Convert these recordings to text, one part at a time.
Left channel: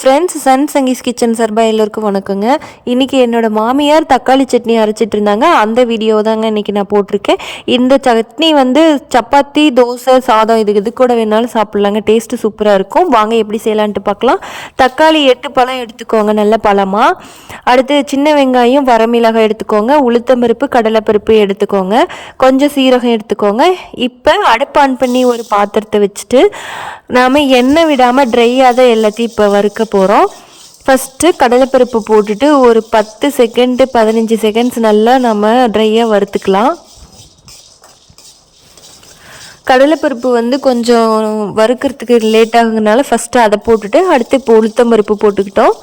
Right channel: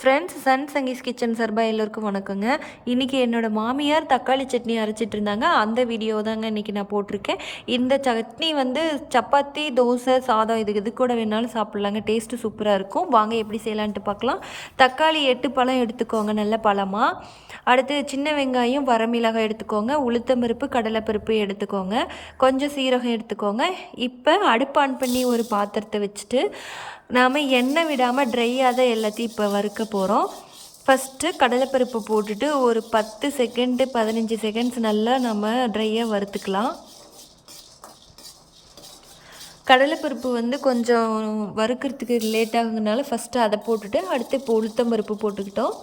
Friends Sun Sanghis kitchen சார்பாக எல்லோருக்கும் வணக்கங்க. இன்றைக்கி என்னோடய மாமியார் தக்காளி சட்னி அரைச்சிட்டு இருந்தாங்க அந்த வீடியோ தாங்க இன்றைக்கி நான் போட்டிருக்கேன். இந்த சட்னி வந்து சப்பாத்தி தோசை சாதம் இது இது கூட வேணாலும் சாப்பிட்லாங்க. டேஸ்ட்டு சூப்பராக இருக்கும். வாங்க எப்படி செய்யலான்ட்டு பார்க்கலாம் தக்காளி எட்டு பழம் எடுத்துக்கோங்க நல்ல பழமாக அடுத்து சின்ன வெங்காயம் வரமிளகாய் எடுத்துக்கோங்க. உளுத்தம்பருப்பு கடலைப்பருப்பு எடுத்துக்கோங்க. கொஞ்சம் சீரகம் எடுத்துக்கோங்க. இப்போ அடுப்பு ஆன் பண்ணி ஒரு பாத்திரத்தை வச்சுட்டு நாம் எண்ணெய் விடாமல் ட்ரையாக தான் எல்லாத்தையும் இப்போ வறுக்க போகிறோம் ஃபஸ்ட்டு கடலைப்பருப்பு போட்டுட்டு ஒரு பத்து செகண்டு பதினஞ்சு செகண்ட்ஸ் நல்லா நம்ம ட்ரையாக வறுத்துக்கலாம். கடலைப்பருப்பு வந்து கொஞ்சம் வறுக்கிறதுக்கு லேட் ஆகுங்கனால ஃபஸ்ட்டு அதை போட்டுட்டு அடுத்து இப்போ உளுத்தம் பருப்பு போட்டுக்கிட்டோம்.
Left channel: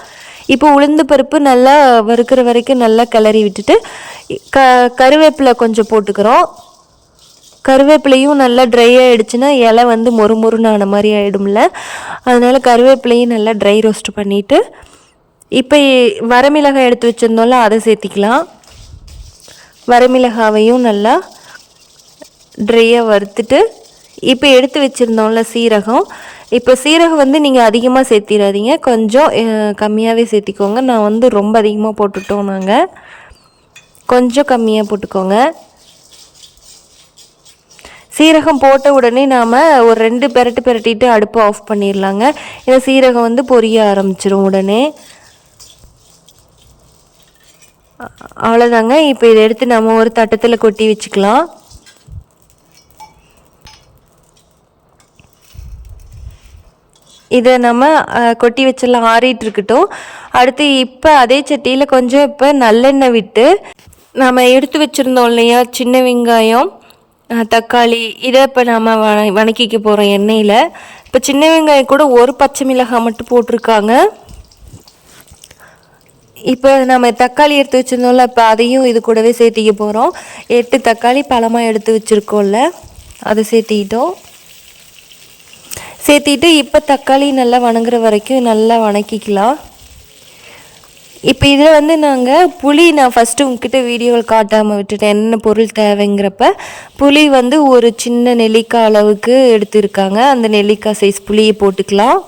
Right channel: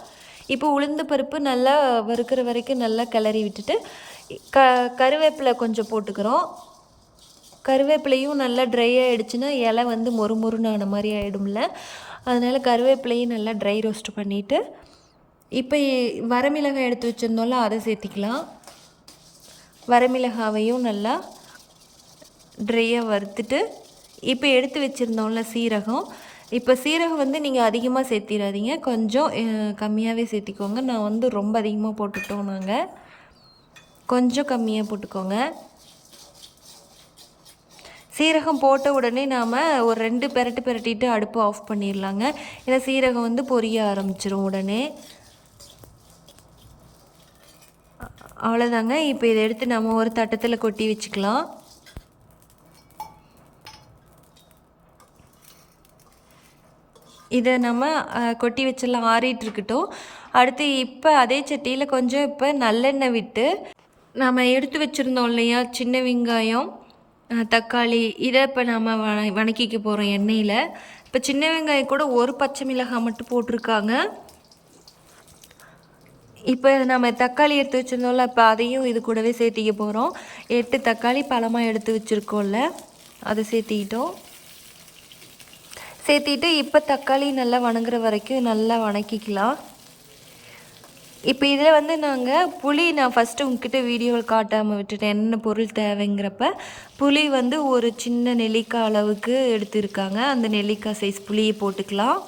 இப்போ உளுந்து பருப்பு நல்லா வறுக்கிற வரைக்கும் நல்லா கிளறி விட்டுட்டு க கருவேப்பிலை கொஞ்சம் போட்டுக்கிறோம். கருவேப்பிலையும் நல்லா ட்ரை ஆகிடுச்சுன்னா இலை வந்து மொறு மொறுன்னு ஆன மாதிரி ஆகிடும்ல அதனால் கருவேப்பிலையும் நல்லா ட்ரை ரோஸ்ட் பண்ணிவிட்டு இப்போ வரமிளகாய் எடுத்து வச்சுருந்தோம்ல அதை சேர்த்திக்கலாம். வரமிளகாவையும் நல்லா ட்ரையாக வறுத்துட்டு இப்போ எடுத்து வச்சுருந்தோம்ல சீரகம். இப்போ சீரகம் வந்து நீங்கள் அதிகமாக சேர்த்திடாதீங்க. கொஞ்சம் கம்மியாகவே சேர்த்திக்கோங்க. நான் வந்து ரொம்ப அதிகமாக போட்டுட்டோம் நாங்கள் கொஞ்சம் கம்மியாக போட்டுக்கோங்க. சீரகம் போட்ட உடனே நாம் ஒரு ரெண்டு பெரட்டு பெரட்டிட்டு அடுப்பு ஆஃப் பண்ணிடலாங்க. ஏன்னா சீரகம் வந்து பொரிய ஆரம்பிச்சிடும் உடனே. அவ்வளோதாங்க இப்போ இதை எடுத்து நம்ம ஒரு தட்டத்தில் கொட்டி வச்சுக்கலாம். இதை நம்ம கொட்டி வச்செல்லாம் ஆறிட்டு இருக்கட்டும். அடுத்து இப்போ அதே சட்டியில் கொஞ்சம் இப்போ நல்லெண்ணெய் விட்டு நம்ம எடுத்து வச்சுருந்தோம் இல்லையா? சின்ன வெங்காயம். தக்காளி இதை இப்போ நம்ம வ வணக்கிக்க போகிறோம் எண்ணெயில் இப்போ சின்ன வெங்காயம் கூட ஒரு பச்சை மிளகாய் மட்டும் போட்டிருக்காங்க. இப்போ நம்ம தக்காளி எடுத்து வச்சுருந்தோம்ல இப்போ அதையும் இது கூடவே சேர்த்திக்க போகிறோம் எட்டு தக்காளி பழமாக எடுத்து வச்சுருக்கோம்ல அதை சேர்த்திக்கிட்டோம் சேர்த்திட்டு இப்போ தக்காளி நல்லா வணங்குற வரைக்கும் நல்லா வணக்கிக்கலாம். இப்போ இதில் வந்து நாங்கள் புளி நான் ஃபஸ்ட்டு உங்ககிட்ட வீடியோவில் காட்டாமல் விட்டுட்டேன். என்ன பொருள் தேவைங்கிறப்ப புளி வந்து ஒரு சின்ன நெல்லிக்காய் அளவுக்கு எடுத்துருக்காங்க. அந்த நெல்லிக்காய் சைஸ் புளியை போட்டுக்கலாம்.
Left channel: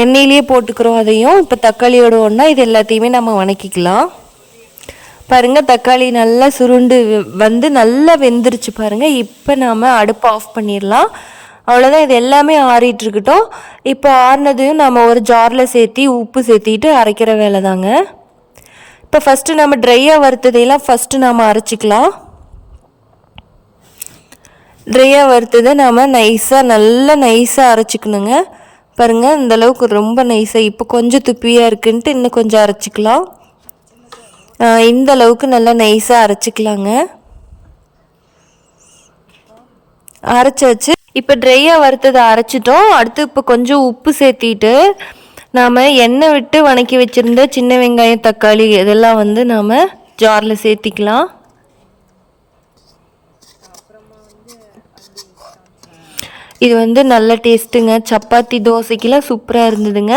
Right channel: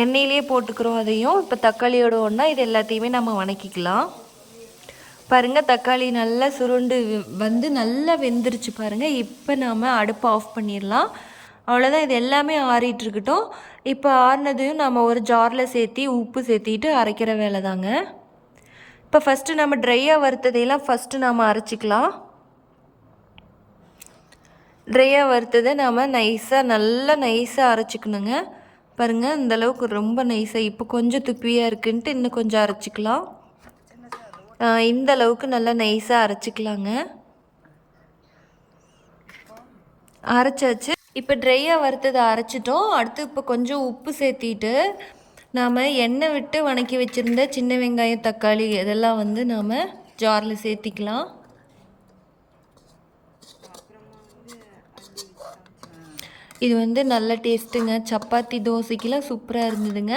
எண்ணெயிலேயே போட்டுக்கிறோம் அதையும். இப்போ தக்காளியோட ஒன்றா இது எல்லாத்தையுமே நம்ம வணக்கிக்கலாம். பாருங்கள் தக்காளி நல்லா சுருண்டு வந்து நல்லா வெந்துருச்சு பாருங்கள் இப்போ நாம் அடுப்பை ஆஃப் பண்ணிடலாம். அவ்வளோதான் இது எல்லாமே ஆறிட்டுருக்கட்டும். இப்போ ஆறினதையும் நம்ம ஒரு ஜாரில் சேர்த்தி உப்பு சேர்த்திட்டு அரைக்கிற வேலை தாங்க இப்போ ஃபஸ்ட்டு நம்ம ட்ரையாக வறுத்ததையெல்லாம் ஃபஸ்ட்டு நாம் அரைச்சிக்கலாம். ட்ரையாக வறுத்ததை நாம் நைஸாக நல்லா நைஸாக அரைச்சிக்கணுங்க. பாருங்கள் இந்தளவுக்கு ரொம்ப நைஸாக இப்போ கொஞ்சம் துப்பியாக இருக்குன்ட்டு இன்னும் கொஞ்சம் அரைச்சிக்கலாம். இந்த அளவுக்கு நல்லா நைஸாக அரைச்சிக்கலாங்க. அரைச்சி வச்சு இப்போ ட்ரையாக வறுத்ததை அரைச்சிட்டோம். அடுத்து இப்போ கொஞ்சம் உப்பு சேர்த்திட்டு நாம் எண்ணெய் விட்டு வணக்கி வச்சுருந்த சின்ன வெங்காயம் தக்காளி இதெல்லாம் வந்து நாம் ஜாரில் சேர்த்திக்கலாம். இது வந்து நல்ல டேஸ்ட்டுங்க சப்பாத்தி தோசைக்கெல்லாம் சூப்பராக இருந்ததுங்க.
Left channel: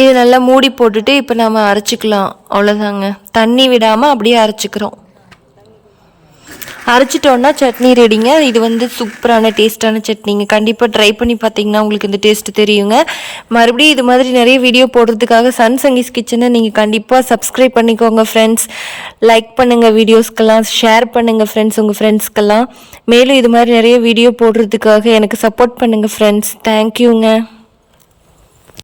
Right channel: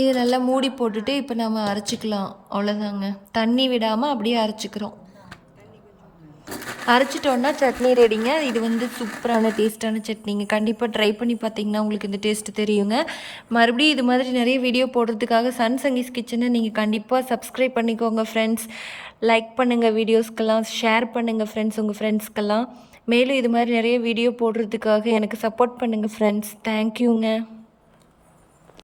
இது நல்லா மூடி போட்டுட்டு இப்போ நம்ம அரைச்சிக்கலாம். அவ்வளோதாங்க தண்ணி விடாமல் அப்படியே அரைச்சிக்கிறோம். அரைச்சிட்டோன்னா சட்னி ரெடிங்க இது வந்து சூப்பரான டேஸ்ட்டான சட்னிங்க. கண்டிப்பாக ட்ரை பண்ணி பார்த்தீங்கன்னா உங்களுக்கு இந்த டேஸ்ட்டு தெரியுங்க. மறுபடியும் இது மாதிரி நிறைய வீடியோ போடுறதுக்காக சன் சங்கீஸ் கிச்சனை நீங்கள் கண்டிப்பாக சப்ஸ்கிரைப் பண்ணிக்கோங்க ஃப்ரெண்ட்ஸ் லைக் பண்ணுங்கள் வீடியோஸ்க்கெல்லாம் ஷேர் பண்ணுங்கள் ஃப்ரெண்ட்ஸ் உங்கள் ஃப்ரெண்ட்ஸ்க்கெல்லாம் மேலும் இது மாதிரி நிறைய வீடியோ போடுறதுக்காக எனக்கு சப்போர்ட் பண்ணுங்கள் ஃப்ரெண்ட்ஸ் தேங்க்யூங்க